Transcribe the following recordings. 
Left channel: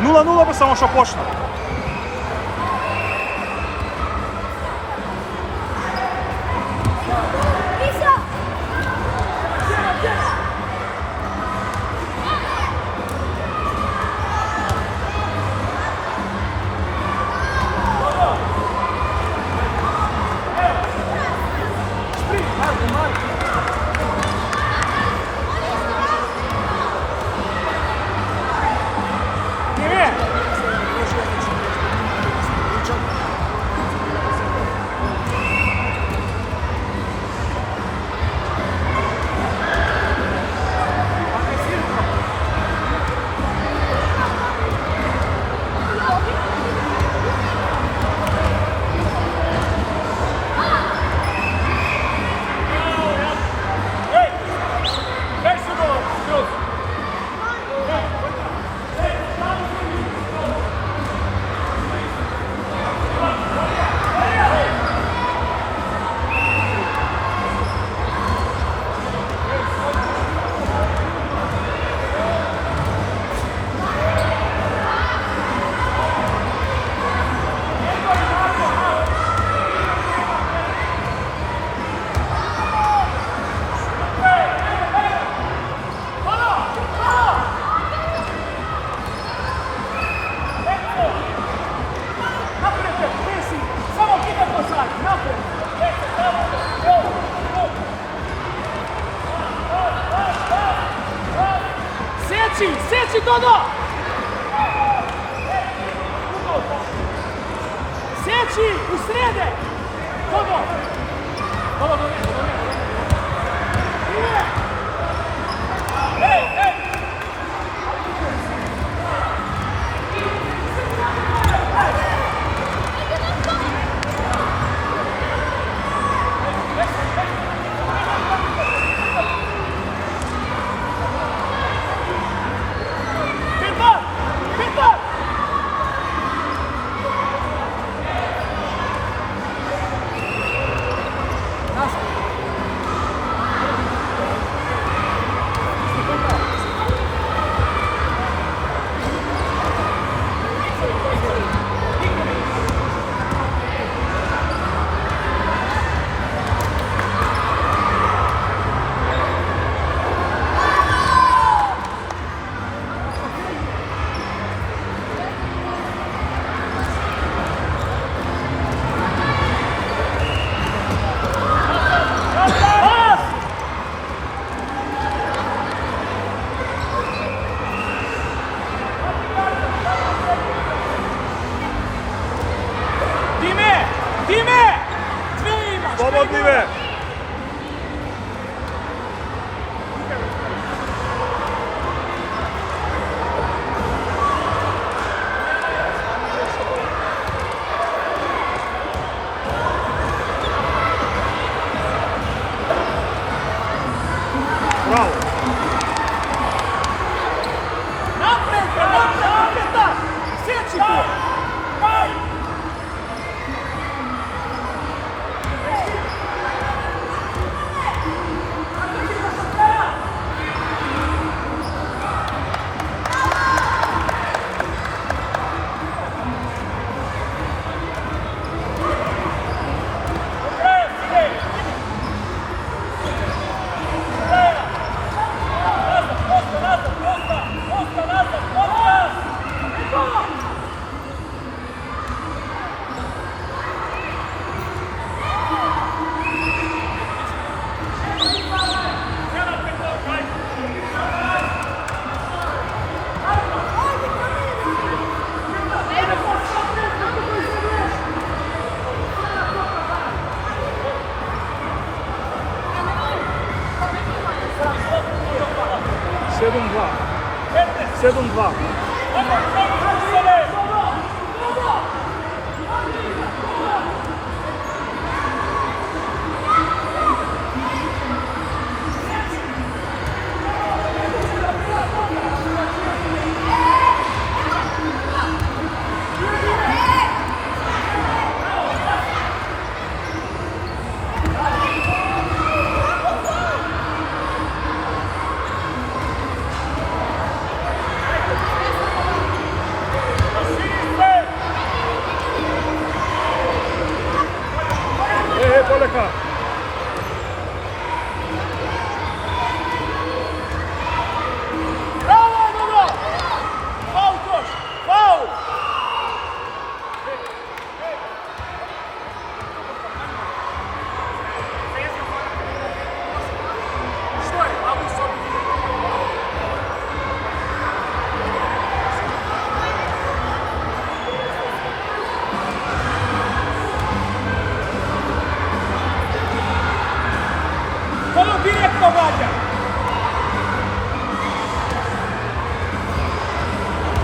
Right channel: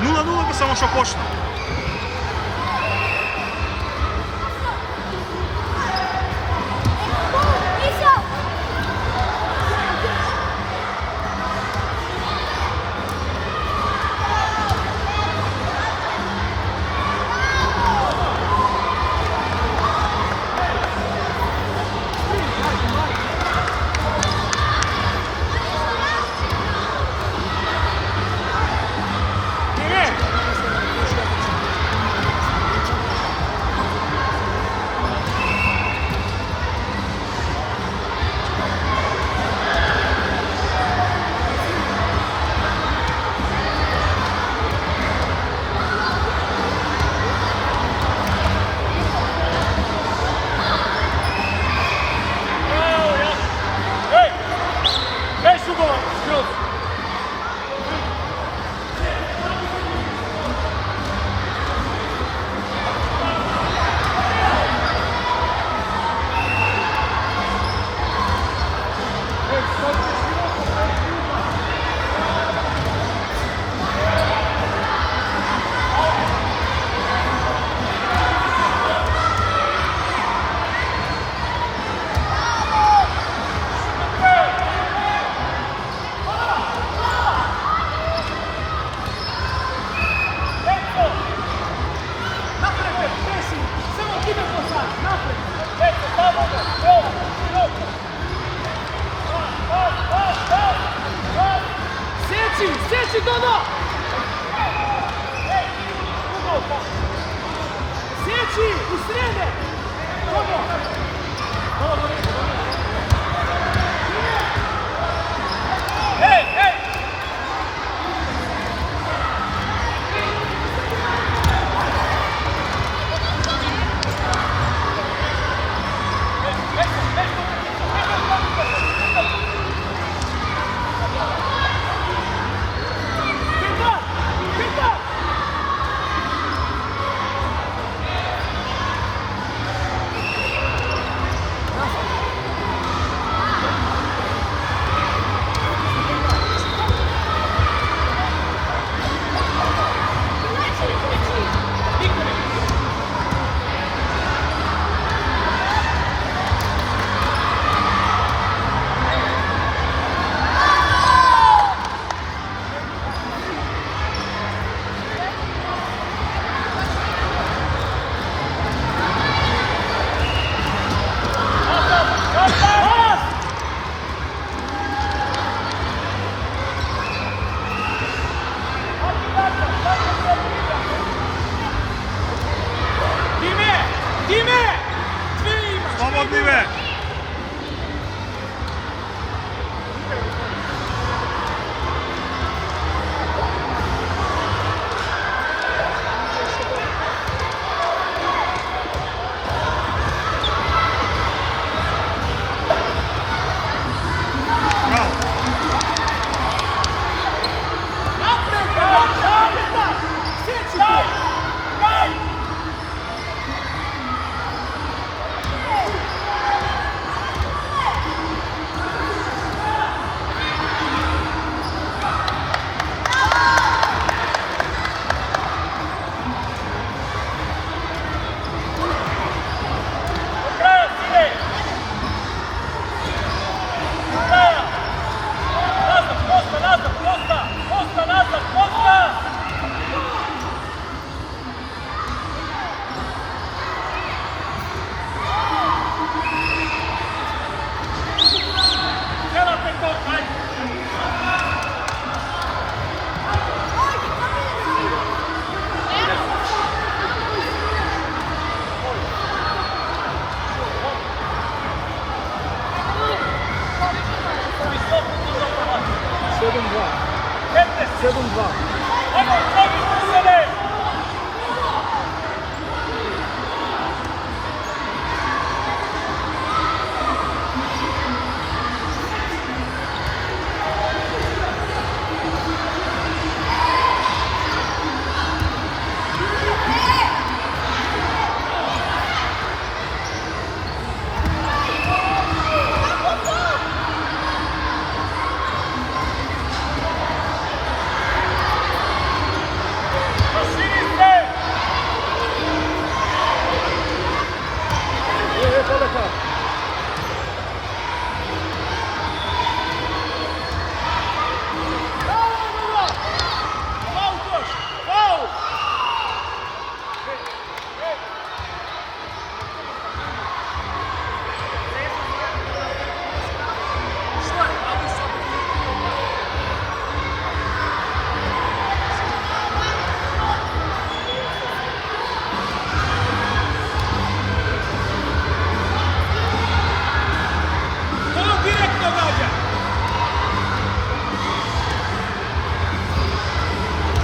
0-0 би само що почна.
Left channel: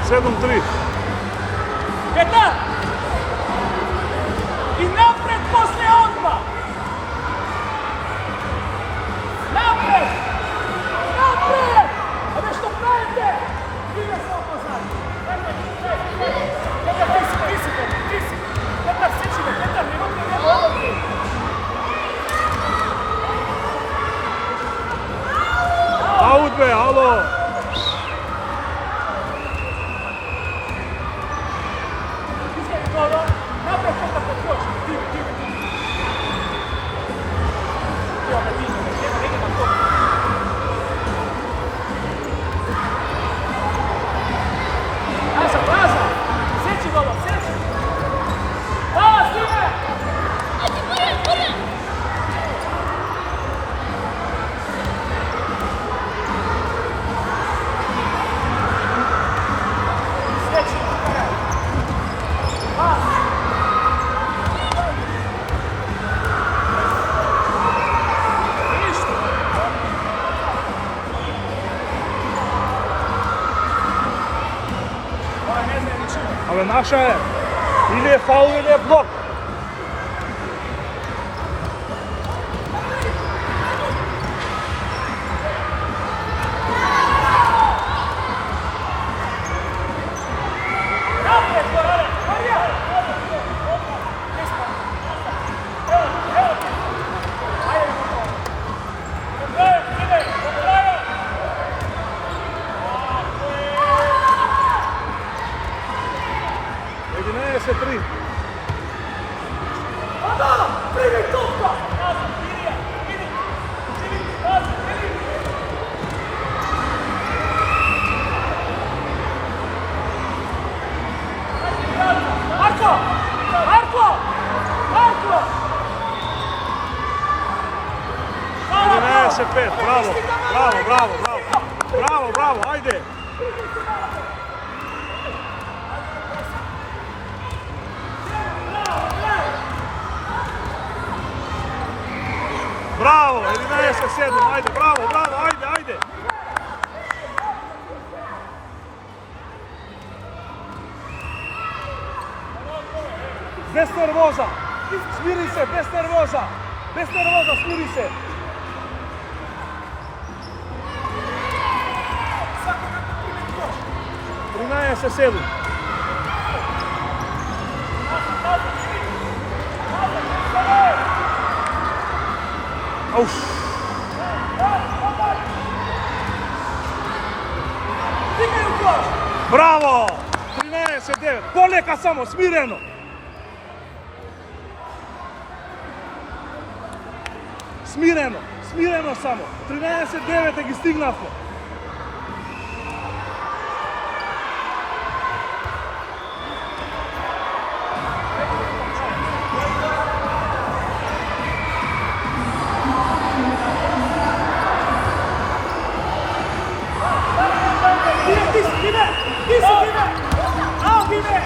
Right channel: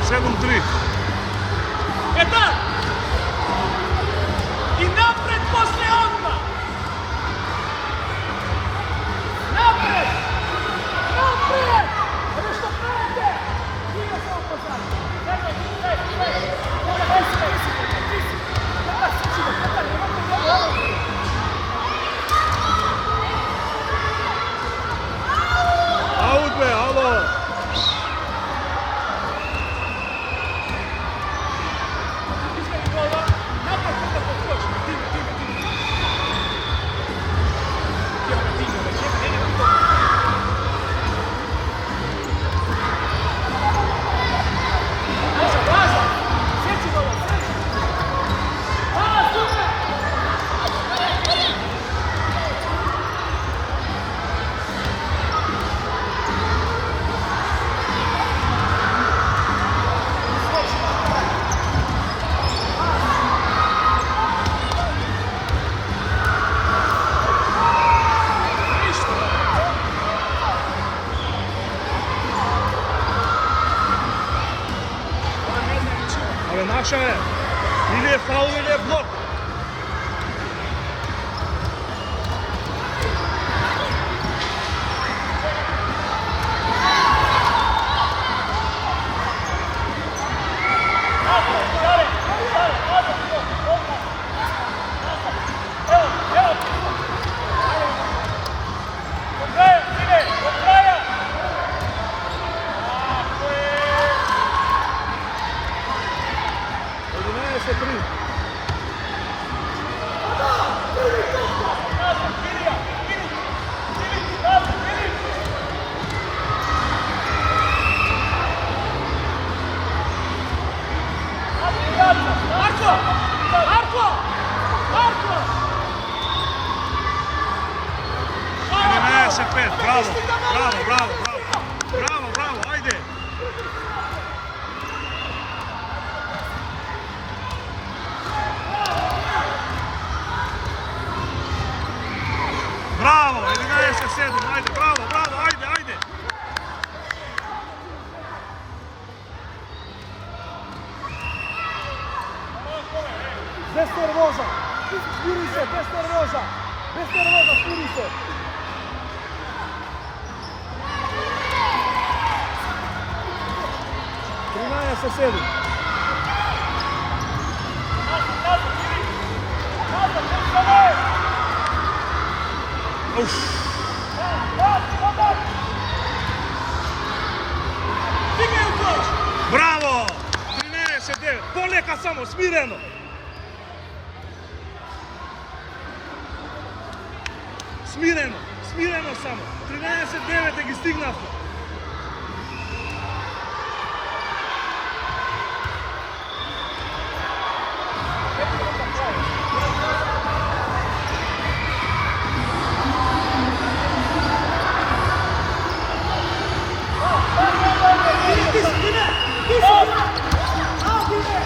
7-3. Eta! I napred poslije odmah! Napred! Napred! Ovo što pravite! Out be, alo! Ale naša je, ili je faul ili je blok. Pet, bravo, bravo, bravo, bravo, bravo, bravo, ajde! Bravo, 11-7, ajde, bravo, bravo, ajde, ajde! Bez nervoza, smiri se, bez nervoza, smiri se! Se sedi. Uf. Bravo! 13-9. Poleka samo, smireno. Smireno samo. 13-9 i stignasno.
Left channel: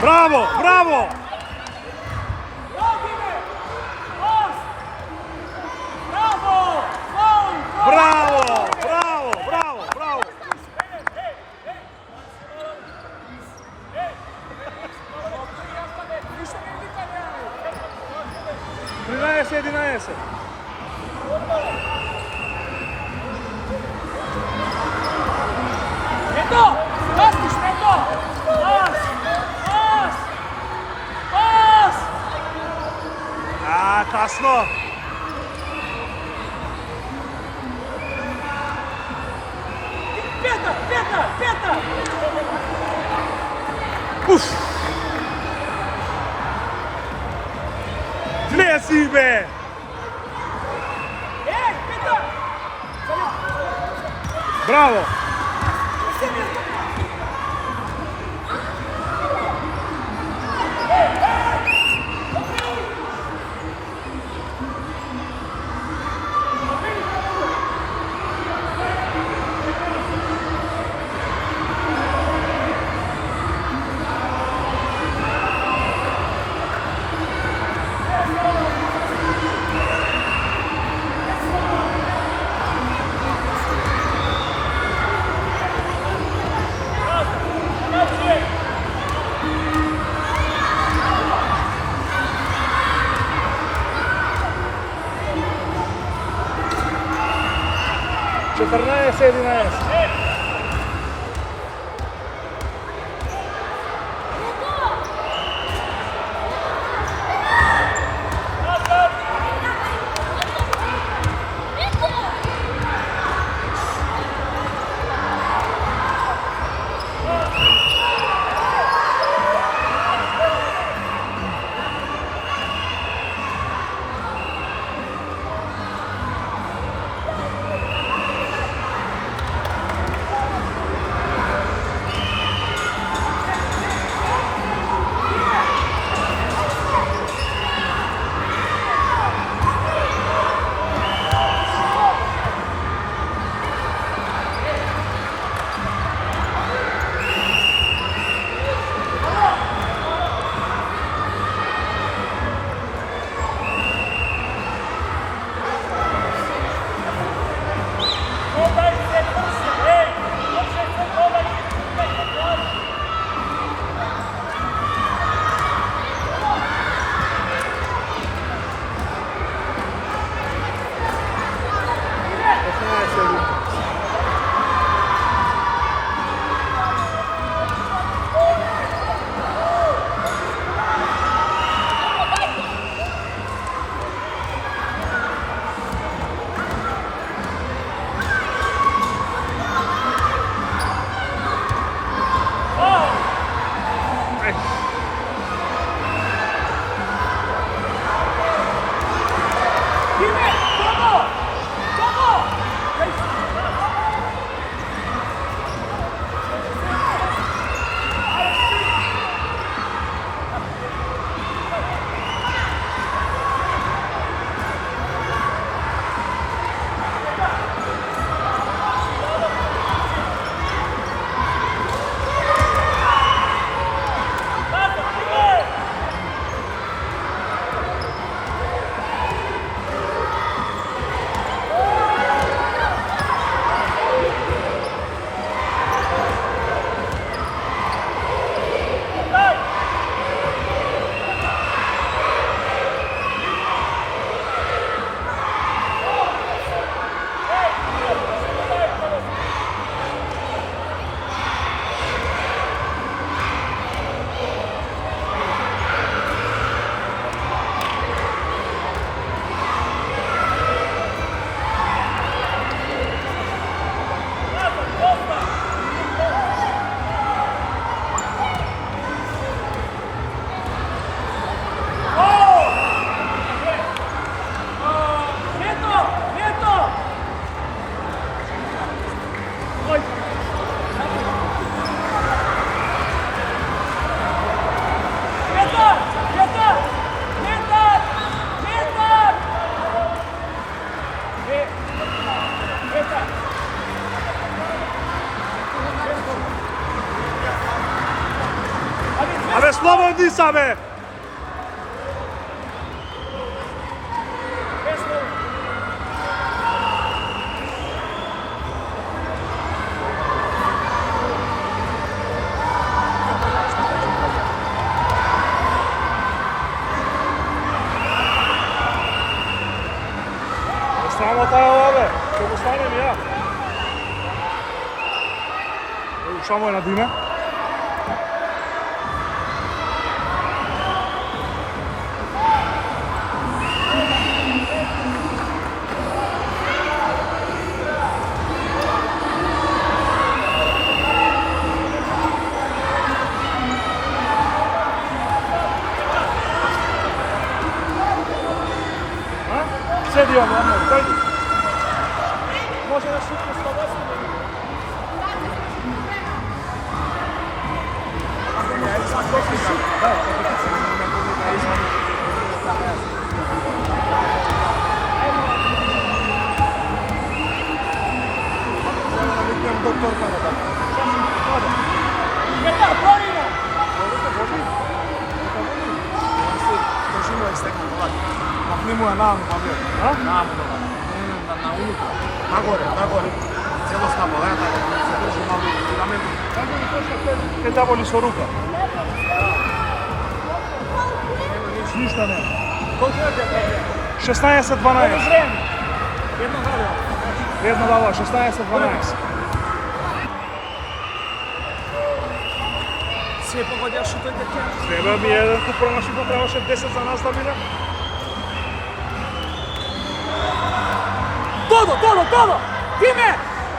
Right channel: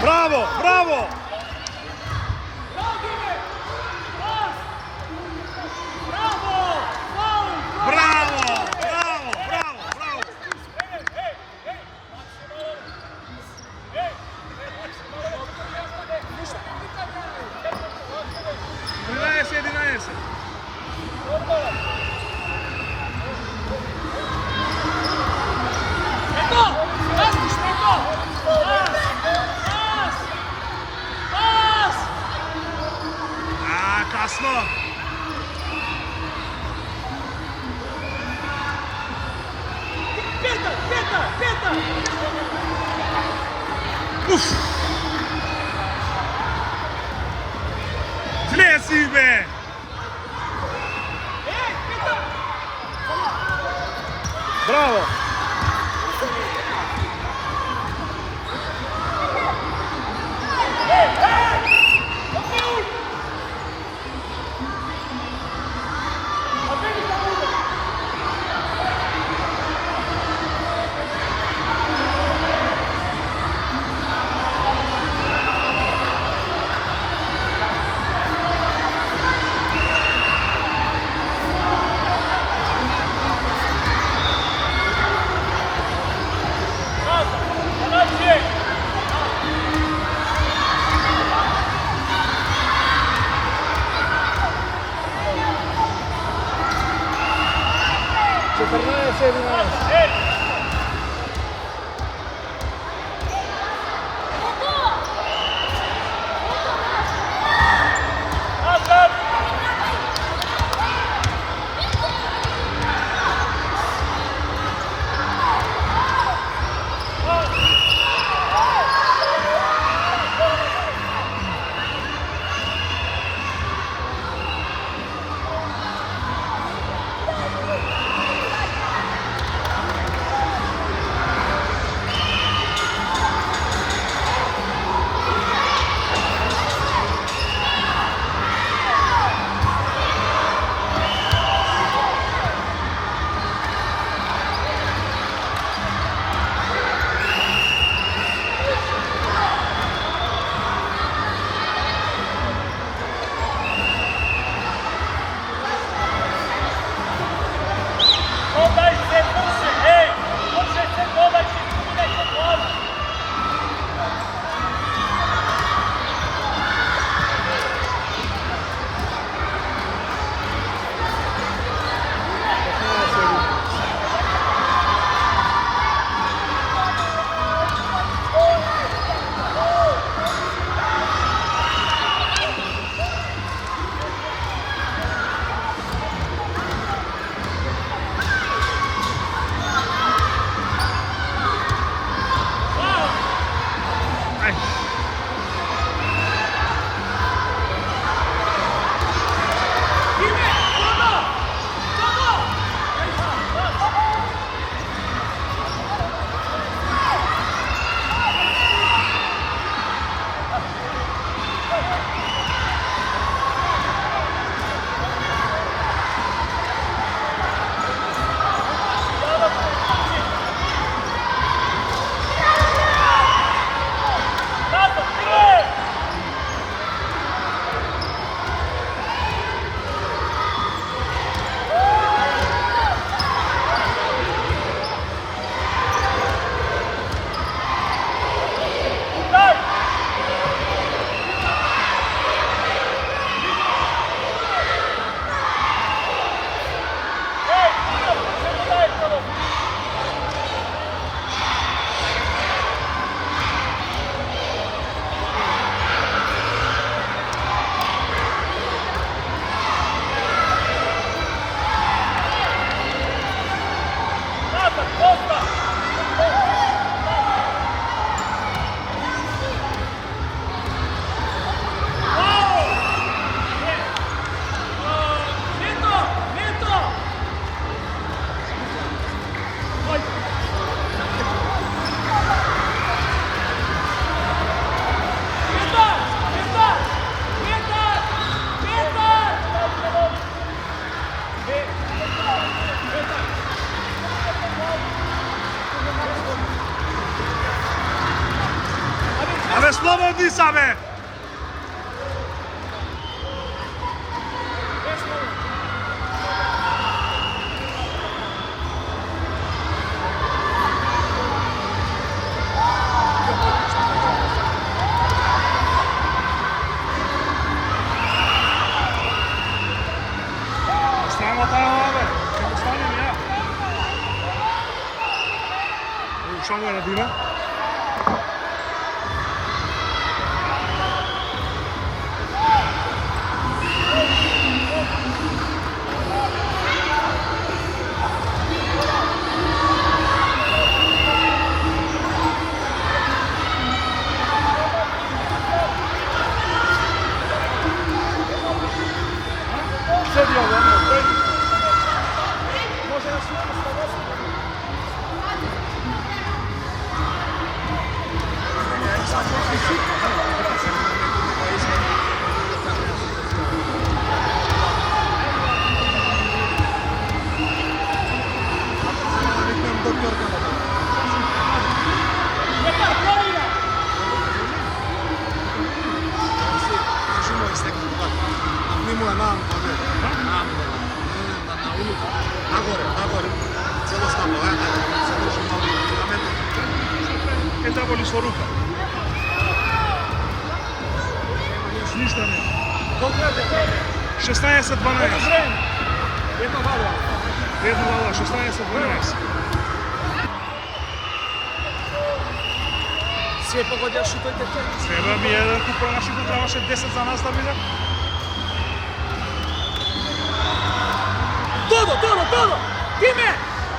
Bravo, bravo! Bravo, bravo, bravo, bravo! Trinaese. Kasno! Peta! Uf! Vlezi be! Bravo! 14-11. Абе, слободни са, бе! Срамота е ова, бе! Ќе го станем ја. Шамо е на Дима. Седио. Може да се Che diavolo sto rupa? Ništa nema. 16-12. 1-0, 16-12. Sve pogodio šutuje deke. Treba mi jedan kup promašiti, trebаше 10 za nas da biде. Todo! Time!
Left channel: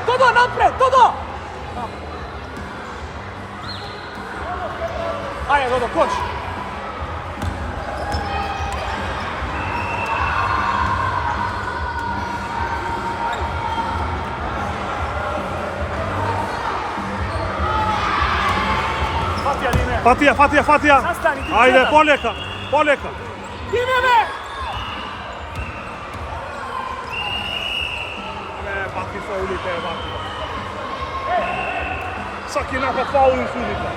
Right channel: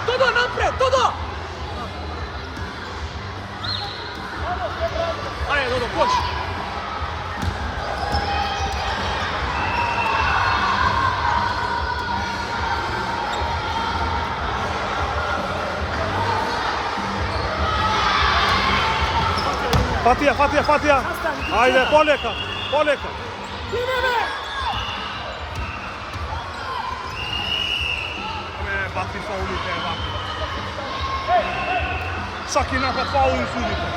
Todo napred, Todo! Ajde, Dodo, koš! Fatija! Zastani, Ajde, poljeka! Time! Bati faulite, bati. Svaki napad faulin sudite.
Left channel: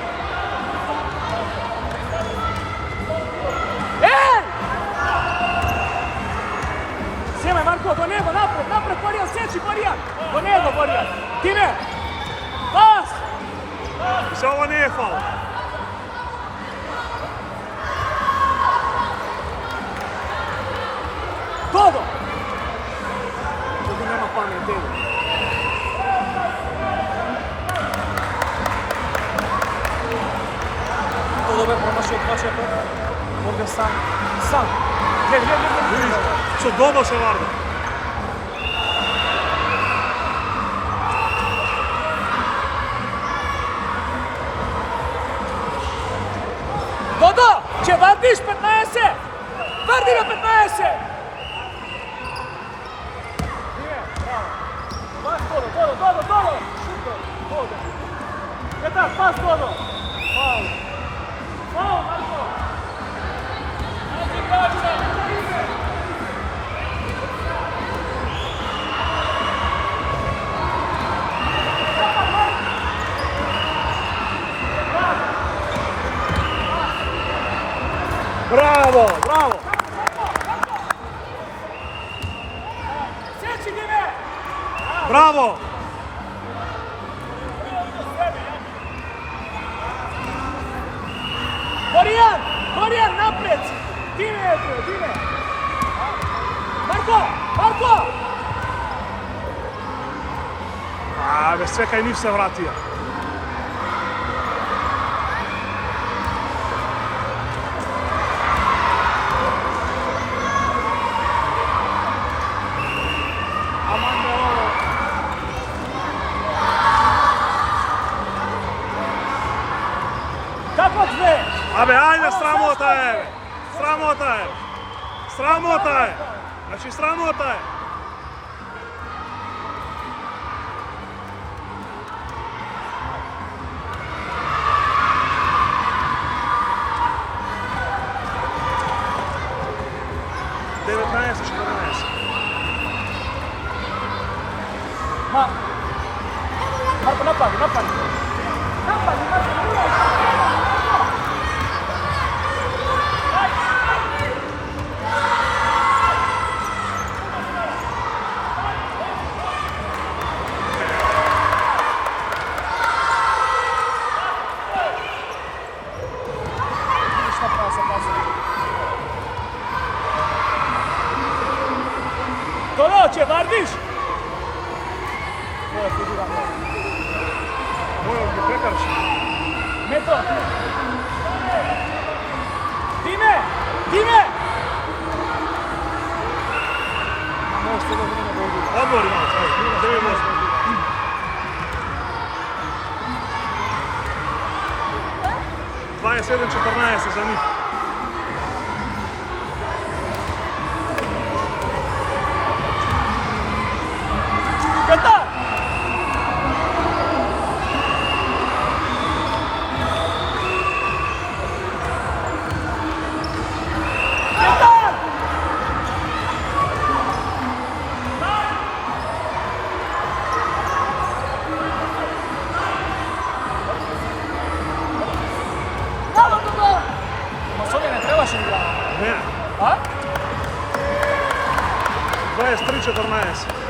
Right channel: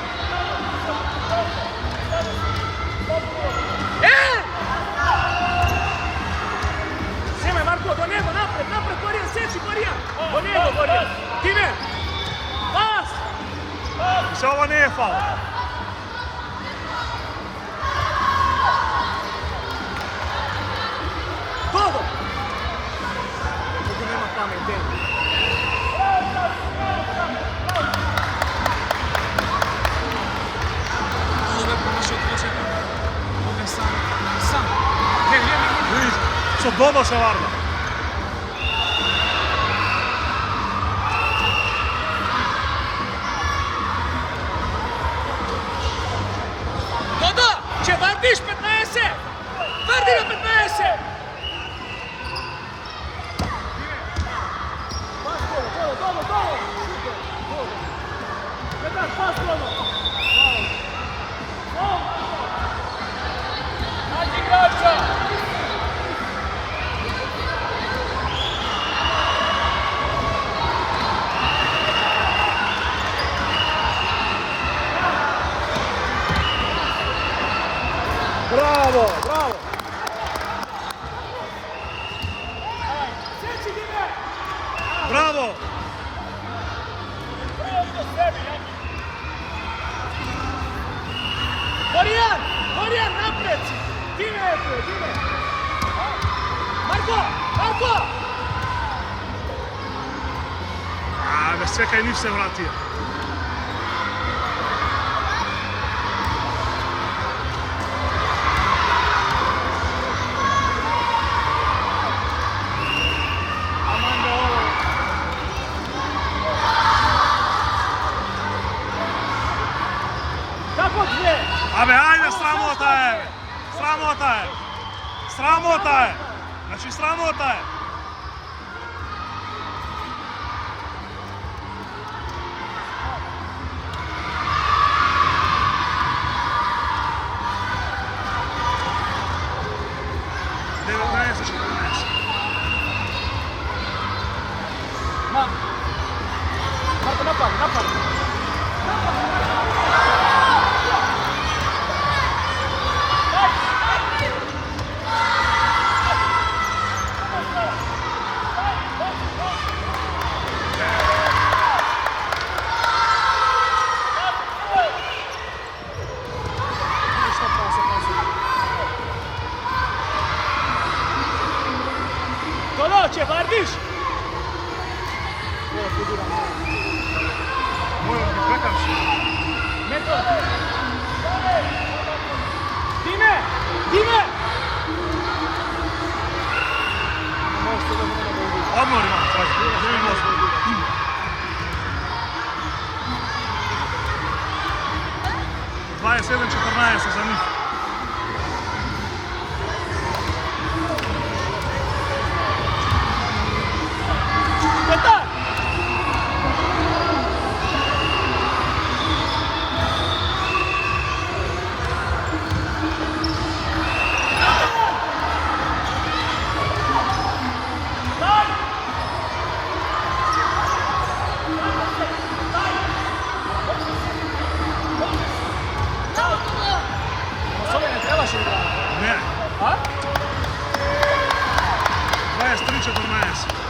Sjeme, Marko, do njega, napred, Marijan, sjeći, Marijan! Do njega, Marijan! Time! Pas! Se ovo nije faul. Todo! Todo nema pamet, Todo. Todo me promašio 2 čekora. Ovdje sam. Gdje. Со Dodo se varda. Dodo! Če vrtiš 15? Vrti na 15! Pas, Dodo! Hadi igrača! Bravo! Sjeći Dime! Bravo! Marijan, napred! Dime je tu, Dime! Marko! Bez sveka i niš se vratio. Kako sve? Ajde, sramota je! Sramota je! Znači, sramota je! Devetnaest, 14. Napad. Dodo, vardiš? Mojom gi prekarši. Не то. Диме! Odmori malo, ajde, gdje mi možemo? Dvadeset 14 za njih. Ne. 23-14.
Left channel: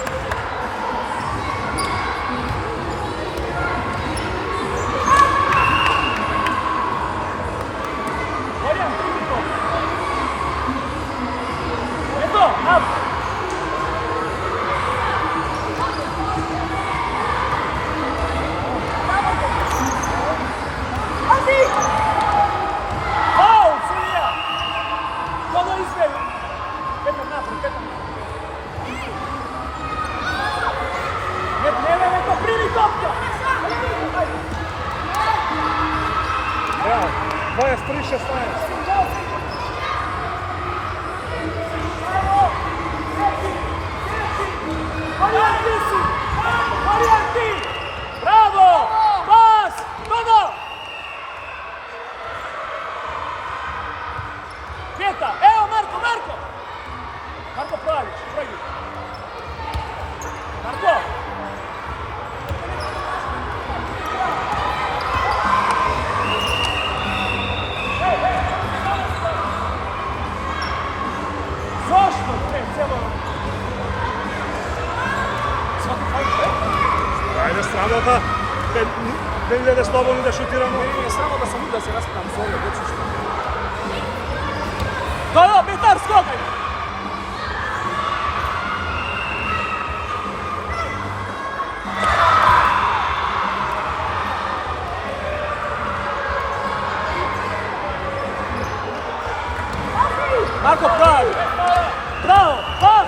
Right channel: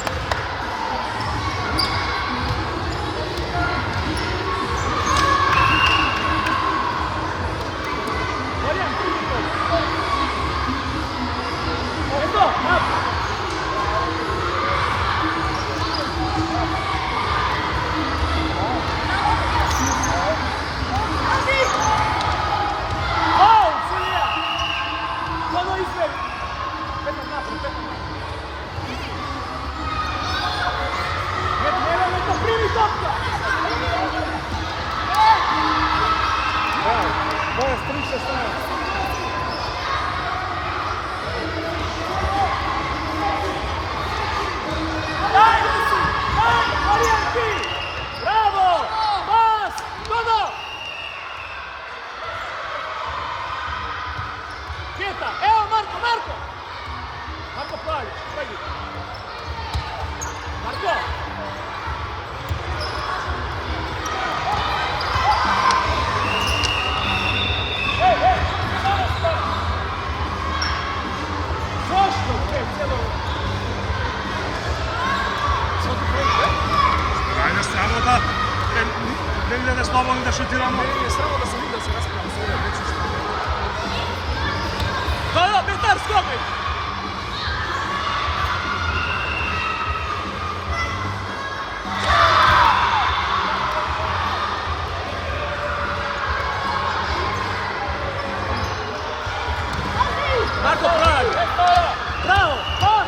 Ajde, sramota. Da ide da slobodno da šutiramo. Nije samo da sam vidio da se raspravam s ovdje, već što. Do, Petar, skoči! Marko, pravi! Bravo! Pas!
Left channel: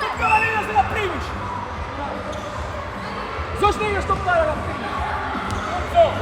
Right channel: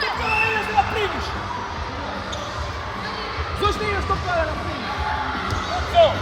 Tukava ne ideš da ga primiš! Zašto ne ideš tukava da ga primiš? Evo!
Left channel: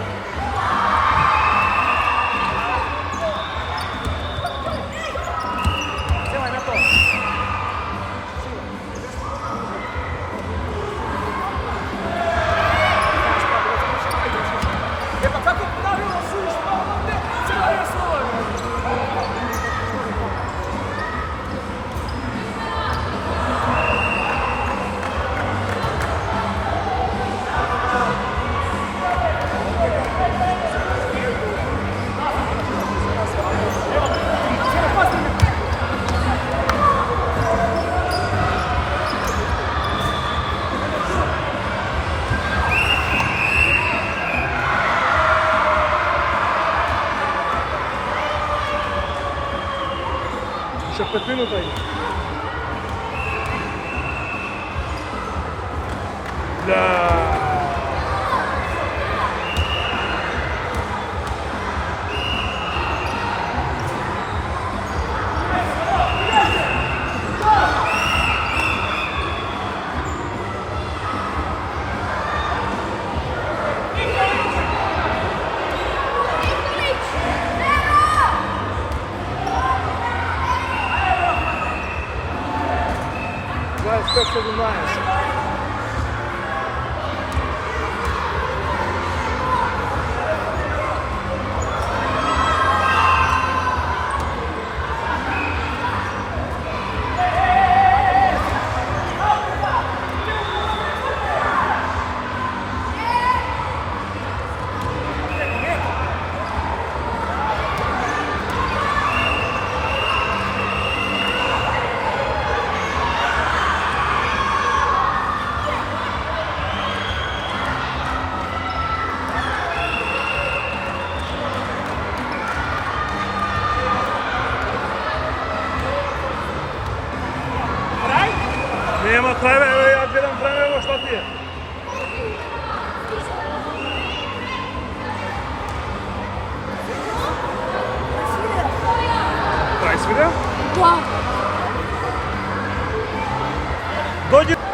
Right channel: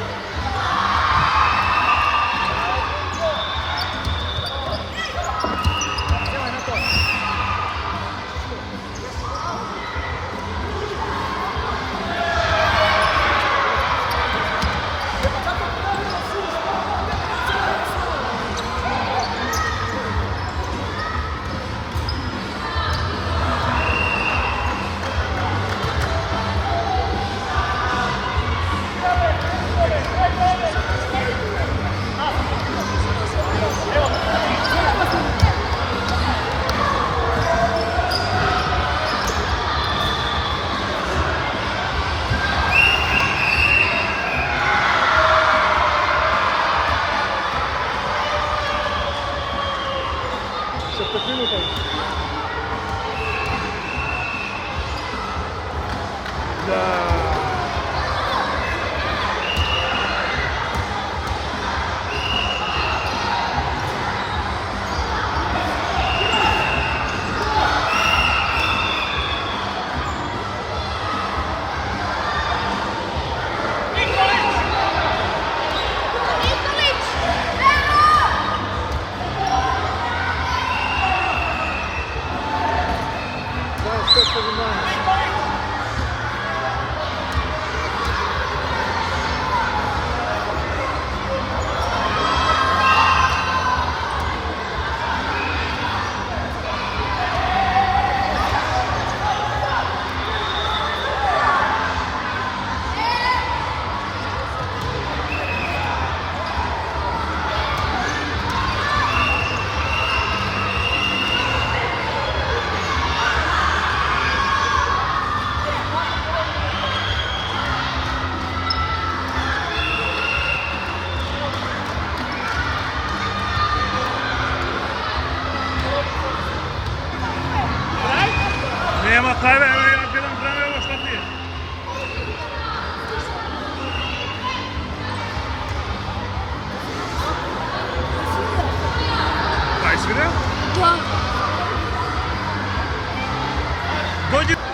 Nema tajve, evo ja gledam vreme, evo šta ti je. Pa jesi vidio? Da. Dođi.